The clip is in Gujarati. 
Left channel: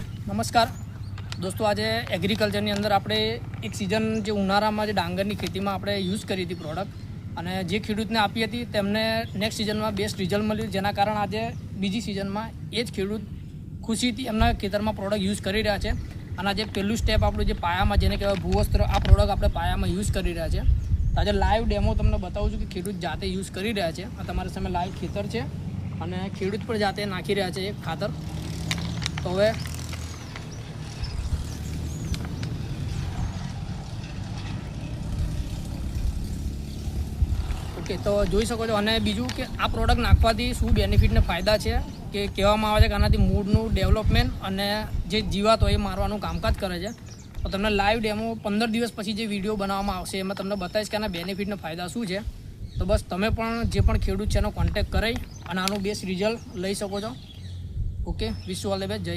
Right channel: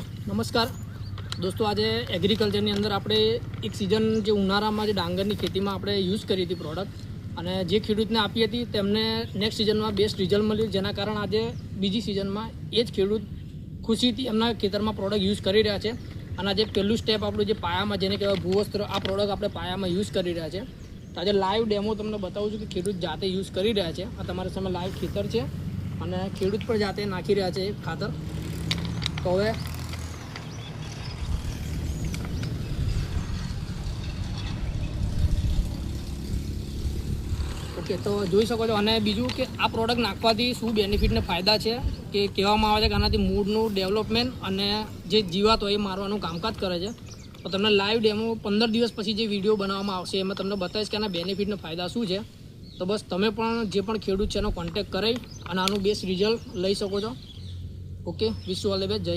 નમસ્કાર દોસ્તો, આજે એગ્રીકલ્ચરની અંદર આપણે એક સિઝન જે ઉનાળામાં જે ડાંગરની ખેતીમાં આપણે યુઝ કરી હતી પ્રોડક્ટ, અને જે ખેડૂતને આપી હતી તેમને નેક્સ્ટ સિઝનમાં બેસ્ટ રિઝલ્ટ મળ્યું, જેના કારણે આજે બીજી સિઝનમાં એ જ ખેડૂત ખુશીથી એમના ખેતરમાં પ્રોડક્ટ યુઝ કરી રહ્યા છે. અને આજે પહેલું સ્ટેપ આપણું જે પાયામાં, જેને કહેવાય ભૂવસ્ત્ર, આ પ્રોડક્ટ આપણે પાયામાં યુઝ કરી રહ્યા છે. તો આજે લાઈવ ડેમો તમને બતાવું છું કે ખેડૂત જાતે યુઝ કરી રહ્યા છે. આ તમારા સામે લાઈવ ખેતર છે અને ખેડૂત પણ જાતે નાખી રહ્યા છે એક ખાતર. તો હવે ઓકે, તો જોઈ શકો છો. અને બીજું કે આ પ્રોડક્ટ નાખવાથી શું બેનિફિટને ફાયદા છે કે કહેવામાં આવે છે કે આનાથી મૂળનું ડેવલપમેન્ટ અને જે જીવાત હોય એ મારવાનું કામકાજ કરે છે. તો તમને લાઈવ ડેમો 15 દિવસ પછી જે વિડીયો બનાવવામાં આવશે એમાં તમને બતાવીશ કે આના બેનિફિટને ફાયદા શું છે. તો બસ તમે પણ જે પણ ખેડૂત છે એનો કોન્ટેક્ટ કરી અને આનું બેસ્ટ રિઝલ્ટ લઈ શકો છો. Okay, wish you all the best. જય